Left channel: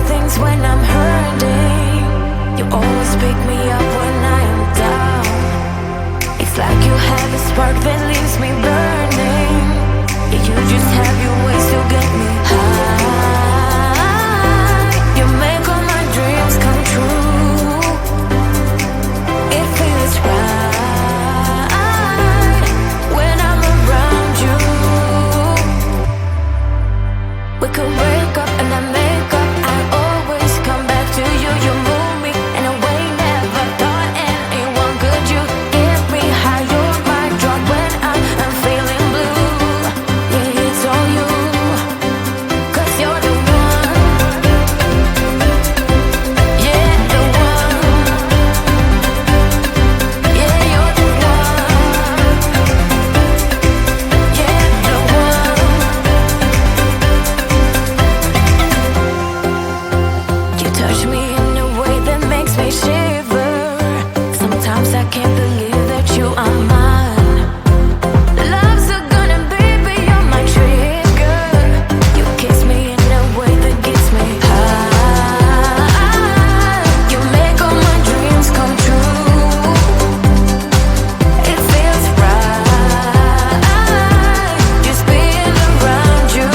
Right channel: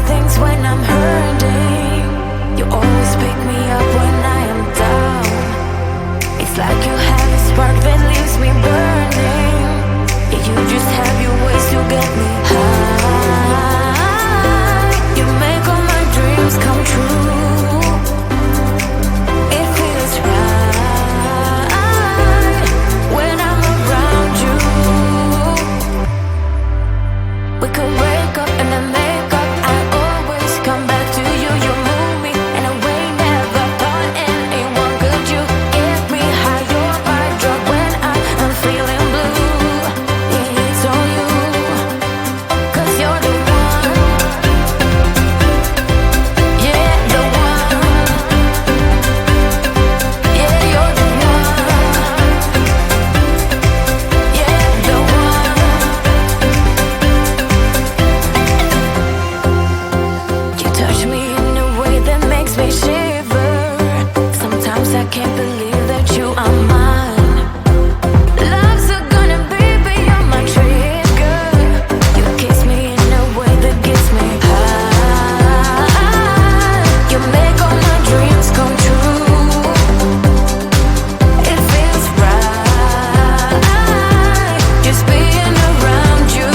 right things when I'm hurting. You always pick me up when I am down. It's like you have a spark that leaves me burning. Yeah, you just have your ways to get me high. You make all my dreams come true. It feels right when I'm around you. We could break up and then make up. I always come back to you. You move me in a way never thought anyone could. You get me high. You're my drug when I am feeling blue. Yeah, it's all you, 'cause you're the one. Yeah, the one. Yeah, you're the one. Yeah, the one. You touch me in a way that makes me shiver. Sometimes I can't believe that you are mine. Love's a gun and baby, you're my trigger. You kiss me in a way that gets me high. You make all my dreams come true. It feels right just being around you.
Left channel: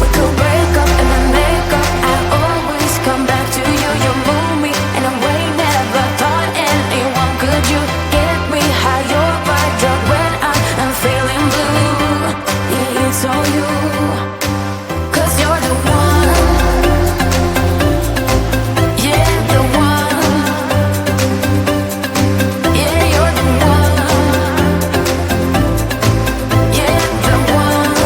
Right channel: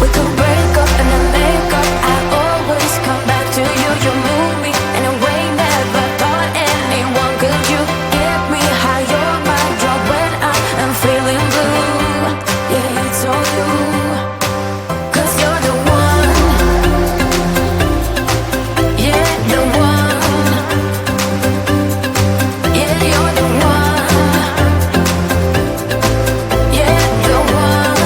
We could break up and then make up. I always come back to you. You move me in a way never thought anyone could. You get me high. You're my drug when I am feeling blue. Yeah, it's all you, 'cause you're the one. Yeah, the one. Yeah, you're the one. Yeah, the one.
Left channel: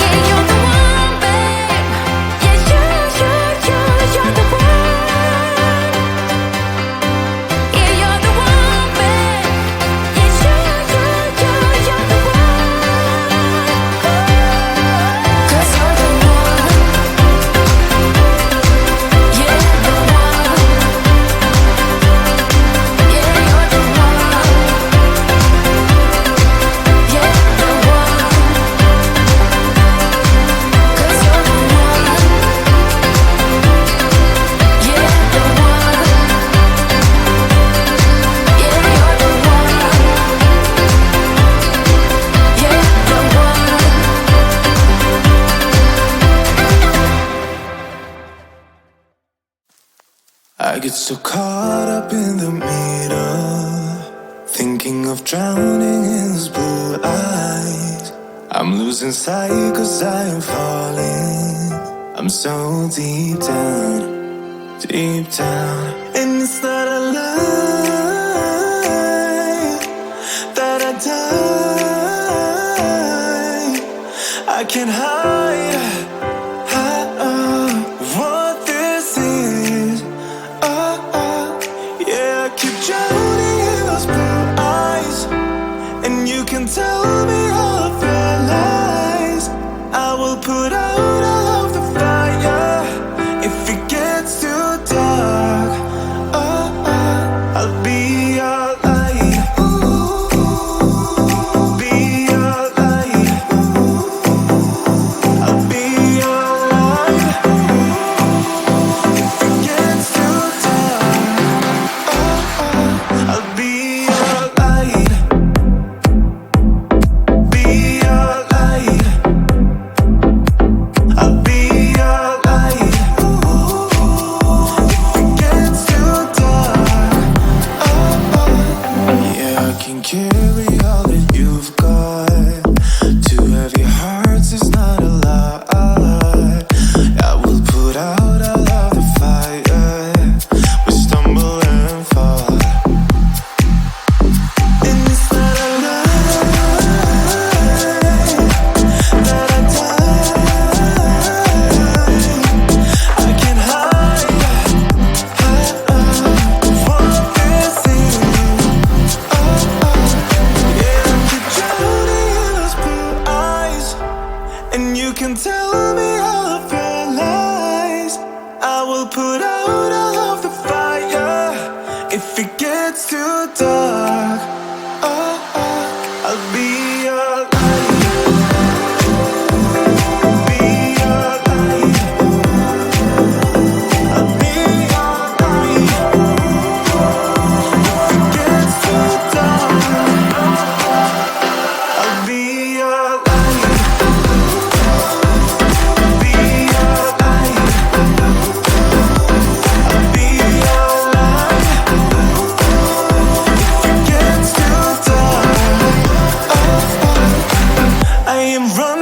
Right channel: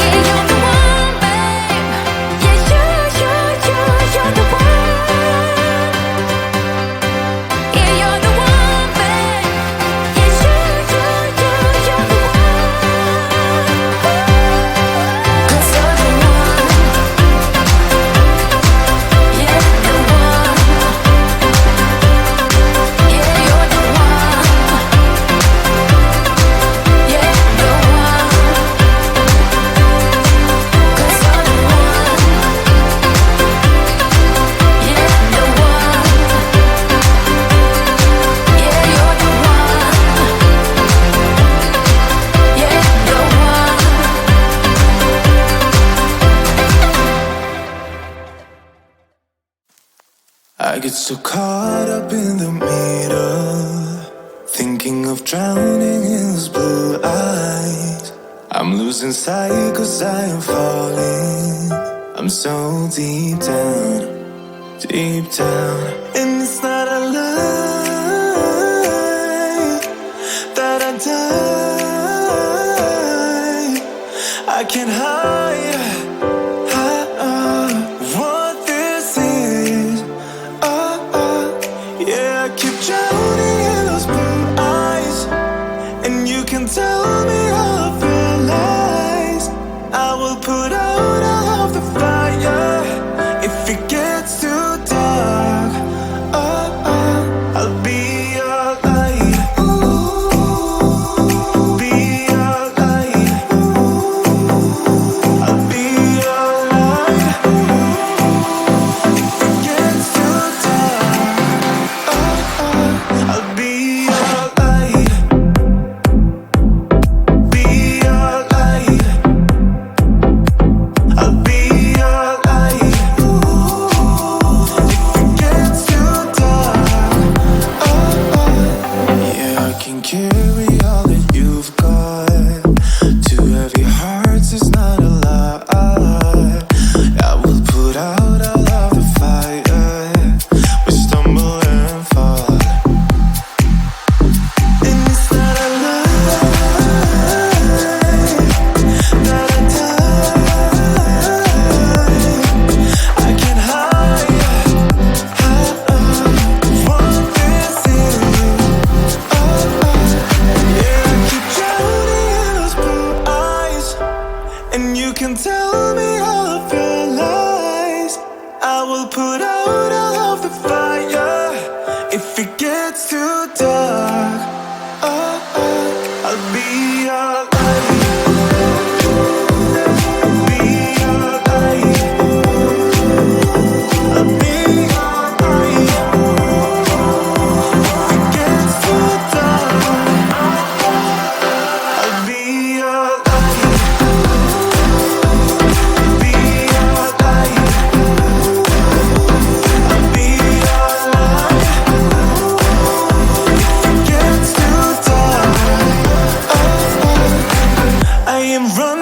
Yeah, you're the one, babe. Yeah, you're the one. Yeah, you're the one, babe. Yeah, you're the one. Ooh. 'Cause you're the one. Yeah, the one. Yeah, you're the one. Yeah, the one. 'Cause you're the one. Yeah, the one. Yeah, you're the one. Yeah, the one. I get so caught up in the middle, thinking of drowning in those blue eyes. I'm losing sight 'cause I am falling. I'm so deep down, and it's not a lie that I die. I can't hide what this is. Yeah, I keep drowning in those blue eyes, and you can tell me all of your lies. I will put out all of the fire if it gets too dark. I'll be your light. Be your light. I'll be your light. If it gets too dark, I'll be your light. Be your light. I'll be your light. If it gets too dark, yeah, I can carry all that you've got. Two heavy hearts is not a lot. I will put out all of the fire. We stumble and fall, and it's not a lie that I die. I can't hide what this is. Yeah, I keep drowning in those blue eyes, and you can tell me all of your lies. I will put out all of the fire if it gets too dark. I'll be your light.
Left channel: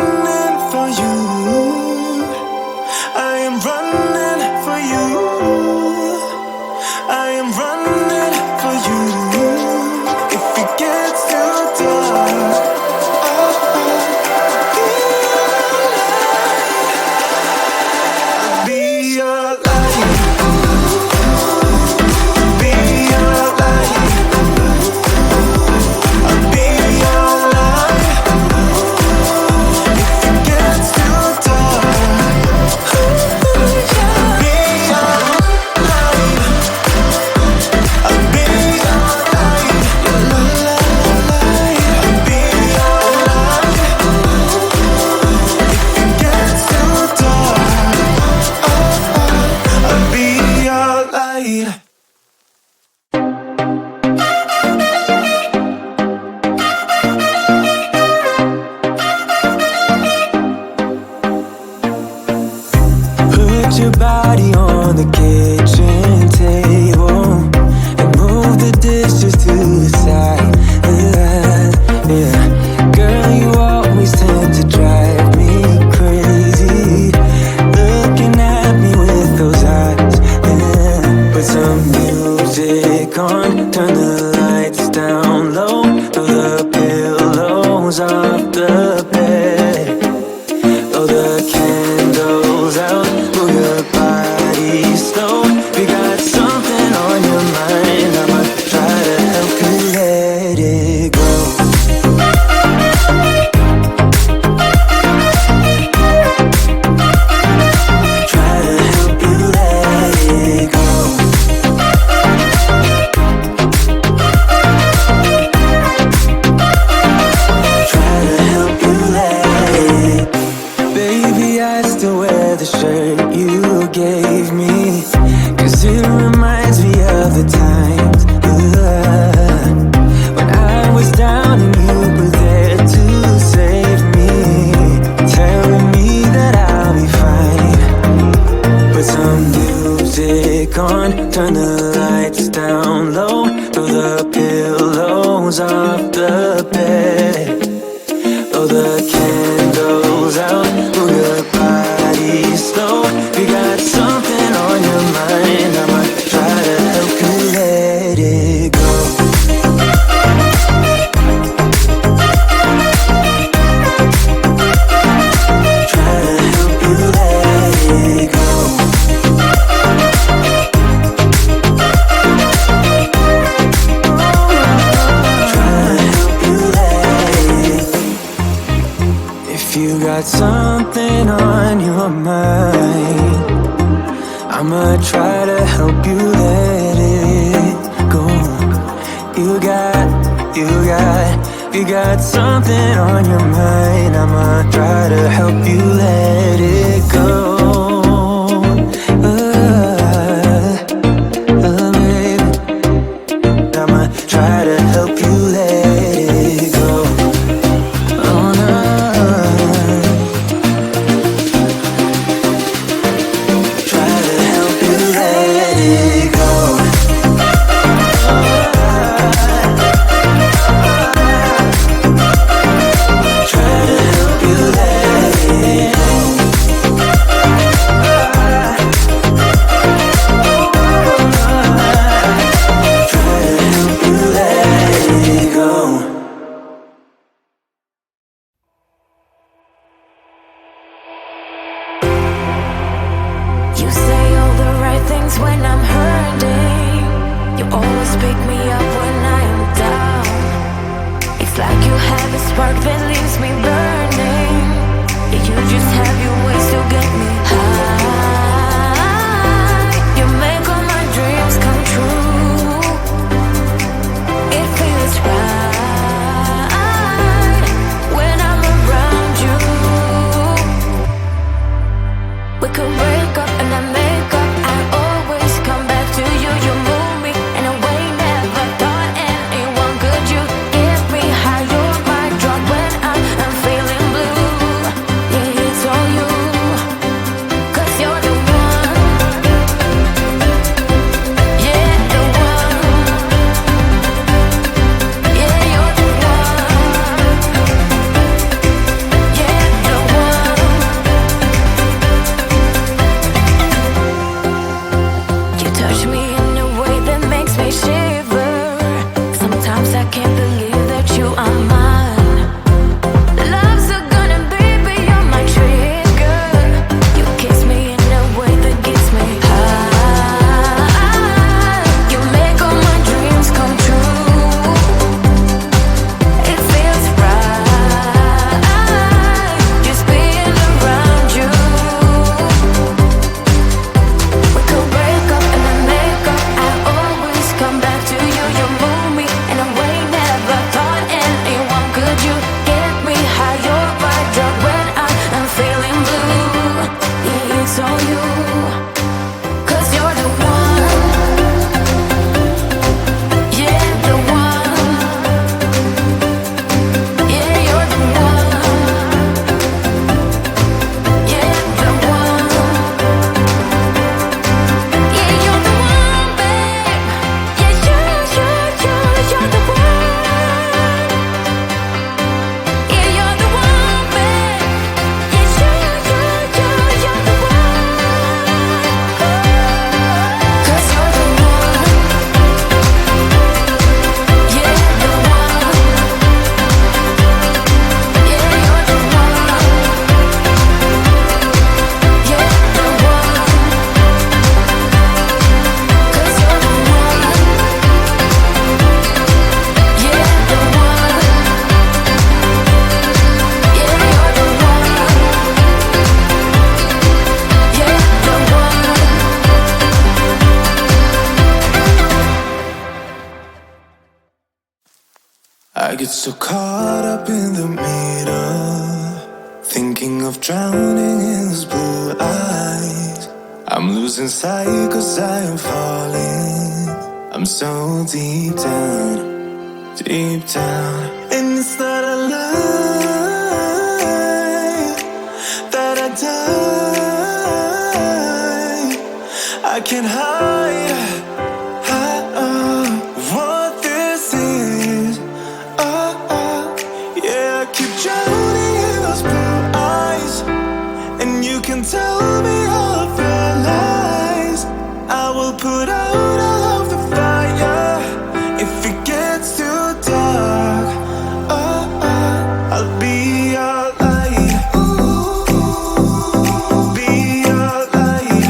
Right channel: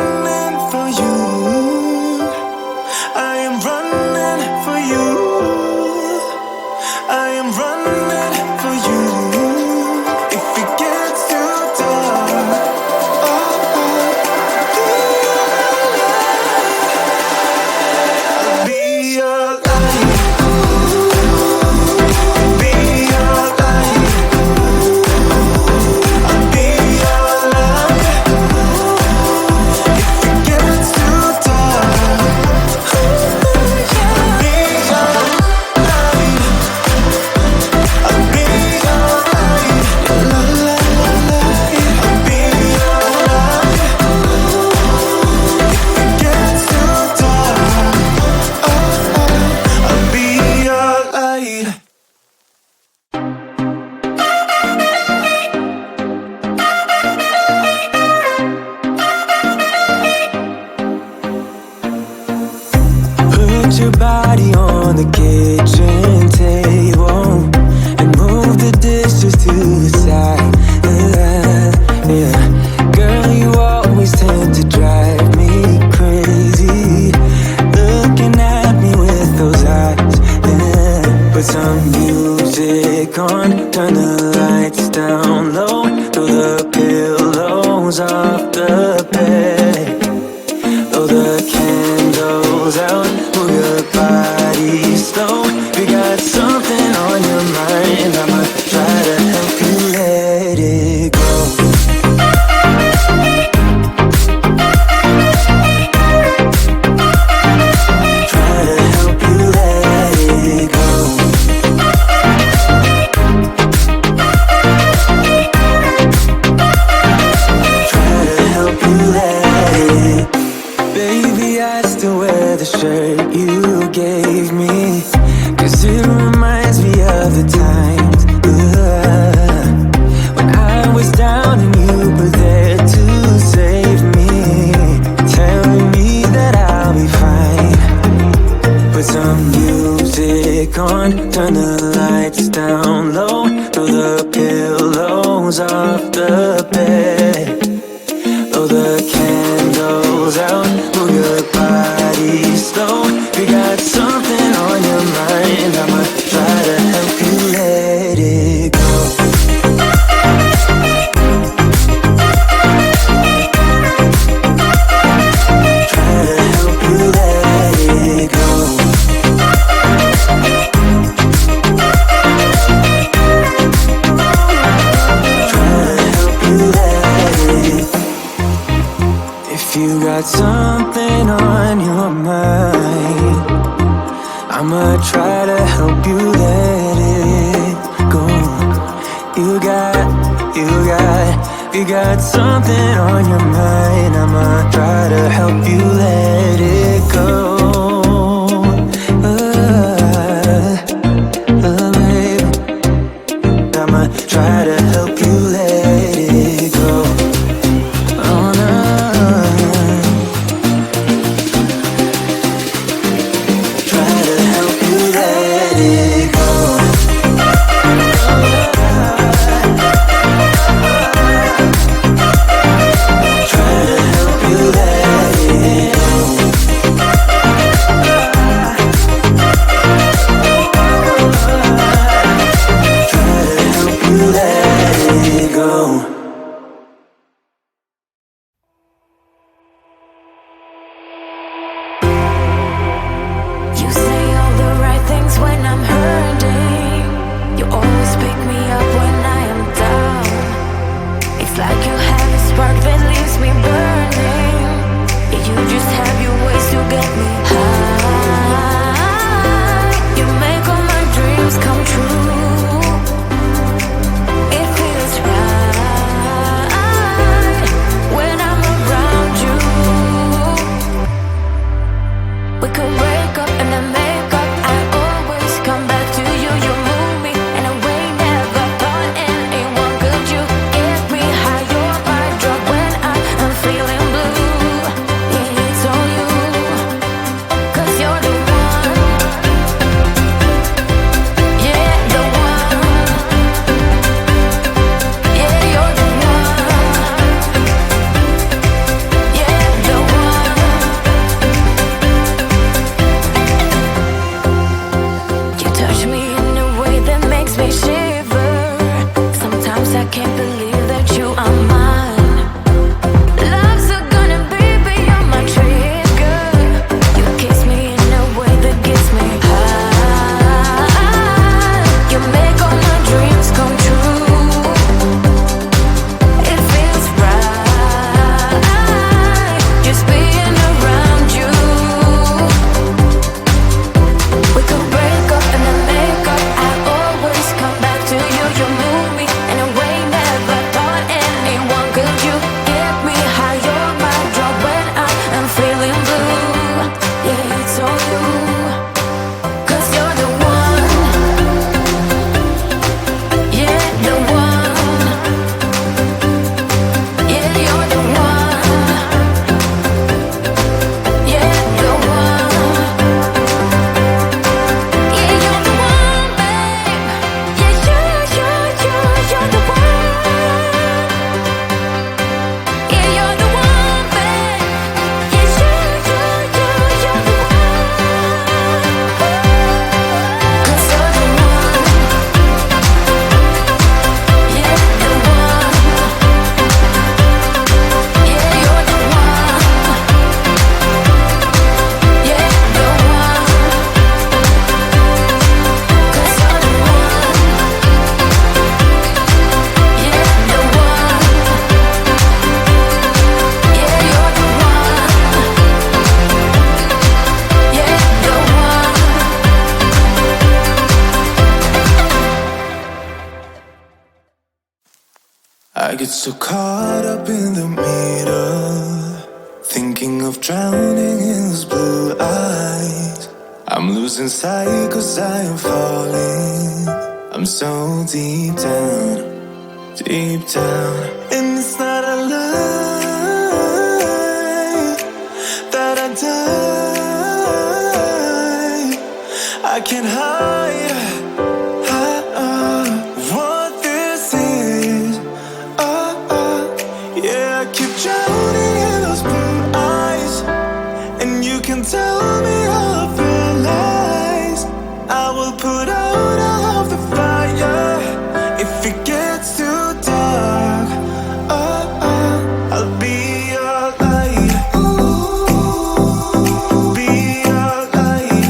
running for you. I am running for you. I am running for you. If it gets too dark, I'll be your light. Be your light. I'll be your light. If it gets too dark, I'll be your light. I'll be your light. Your light. I'll be your light. If it gets too dark, I'll be your light. Put your body on the kitchen table and move the dishes to the side. Yeah. Girl, you always tend to drive me crazy, looking at me with those eyes. Yeah. Put some music on, turn the lights down low, throw the pillows off the bed. Blow the candles out, move your body slow. We got something on your mind, I'ma try to help you let it go. Try to help you let it go. Try to help you let it. Baby, I still wear the shirt you gave me, 'cause it reminds me of the times when I was down and you were there to save me, telling me that I'll be fine. Put some music on, turn the lights down low, throw the pillows off the bed. Blow the candles out, move your body slow. We got something on your mind, I'ma try to help you let it go. Try to help you let it go. Try to help you let it. If you got something on your mind, I'ma try to help you let it go. You got something on your mind, I'ma try to help you let it go. Baby, I'ma try to help you let it go. Oh no. Try to help you let it go. Try to help you let it go. Try to help you let it go. You say all the right things when I'm hurting. You always pick me up when I am down. It's like you have a spark that leaves me burning. Yeah, you just have your ways to get me high. You make all my dreams come true. It feels right when I'm around you. We could break up and then make up. I always come back to you. You move me in a way never thought anyone could. You get me high. You're my drug when I am feeling blue. Yeah, it's all you, 'cause you're the one. Yeah, the one. Yeah, you're the one. Yeah, the I can't believe that you are mine. Love's a gun and baby, you're my trigger. You kiss me in a way that gets me high. You make all my dreams come true. It feels right just being around you. We could break up and then make up. I always come back to you. You move me in a way never thought anyone could. You get me high, you're my drug when I am feeling blue. Yeah, it's all you, 'cause you're the one. Yeah, the one. Yeah, you're the one. Yeah, the one. Yeah, you're the one, babe. Yeah, you're the one. Yeah, you're the one, babe. Yeah, you're the one. Ooh. 'Cause you're the one. Yeah, the one. Yeah, you're the one. Yeah, the one. 'Cause you're the one. Yeah, the one. Yeah, you're the one. Yeah, the one. I get so caught up in the middle, thinking of drowning in those blue eyes. I'm losing sight 'cause I am falling. I'm so deep down, and it's not a lie that I die. I can't hide what this is. Yeah, I keep drowning in those blue eyes, and you can tell me all of your lies. I will put out all of the fire if it gets too dark. I'll be your light. Be your light.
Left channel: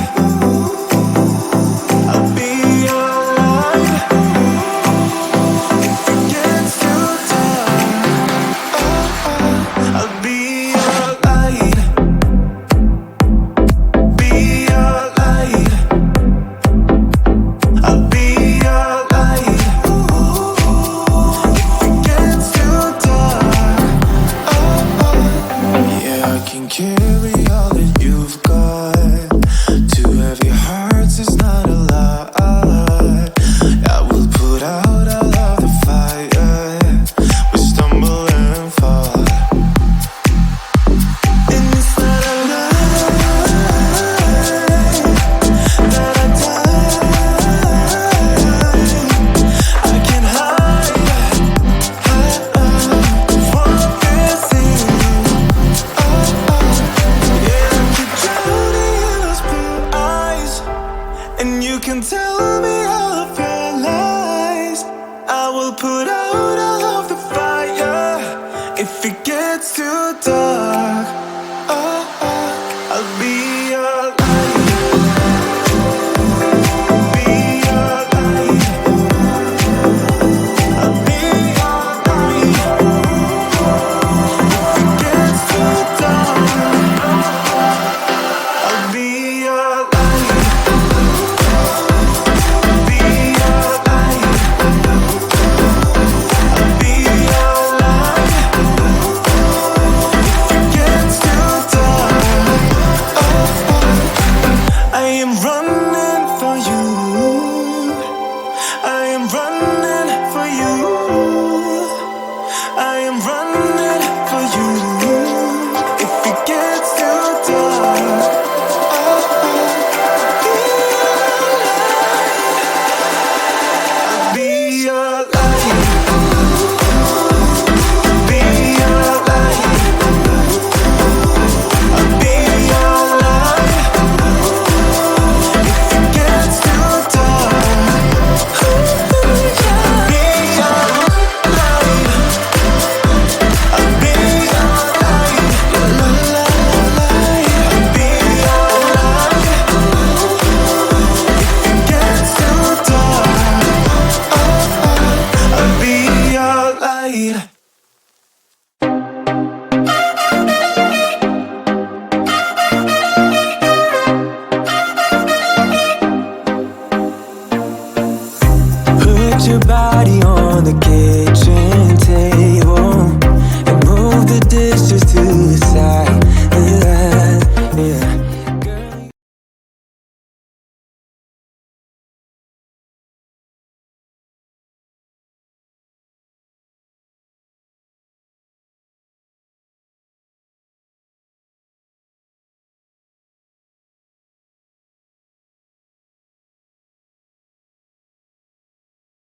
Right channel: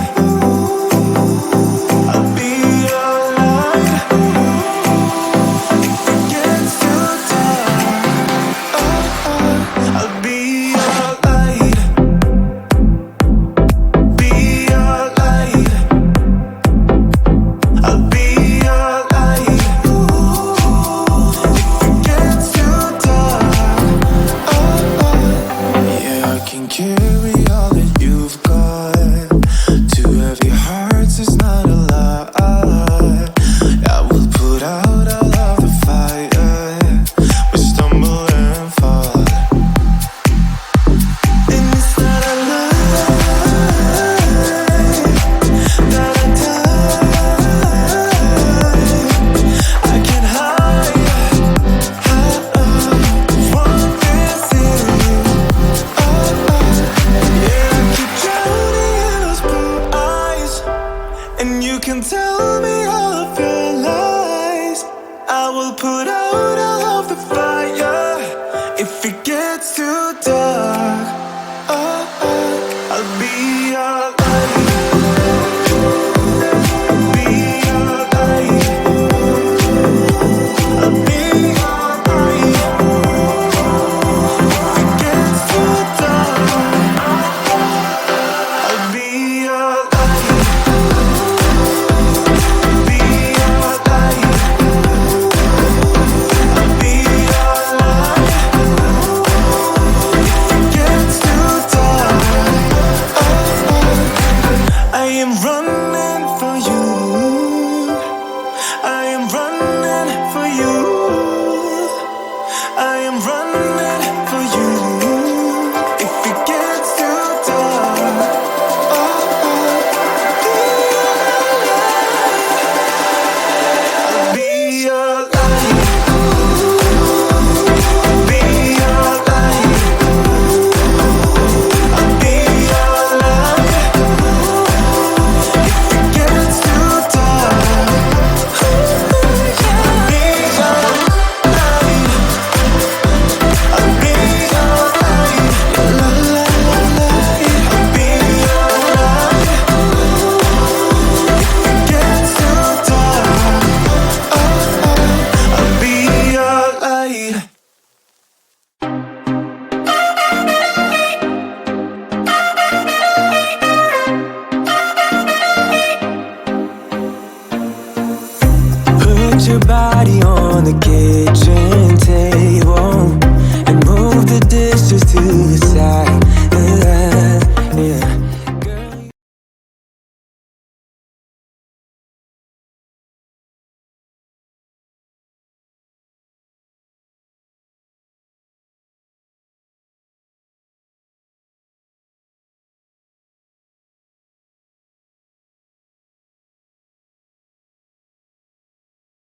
I'll be your light. If it gets too dark, I'll be your light. Be your light. I'll be your light. If it gets too dark, yeah, I can carry all that you've got. Two heavy hearts is not a lot. I will put out all of the fire. We stumble and fall, and it's not a lie that I die. I can't hide what this is. Yeah, I keep drowning in those blue eyes, and you can tell me all of your lies. I will put out all of the fire if it gets too dark. I'll be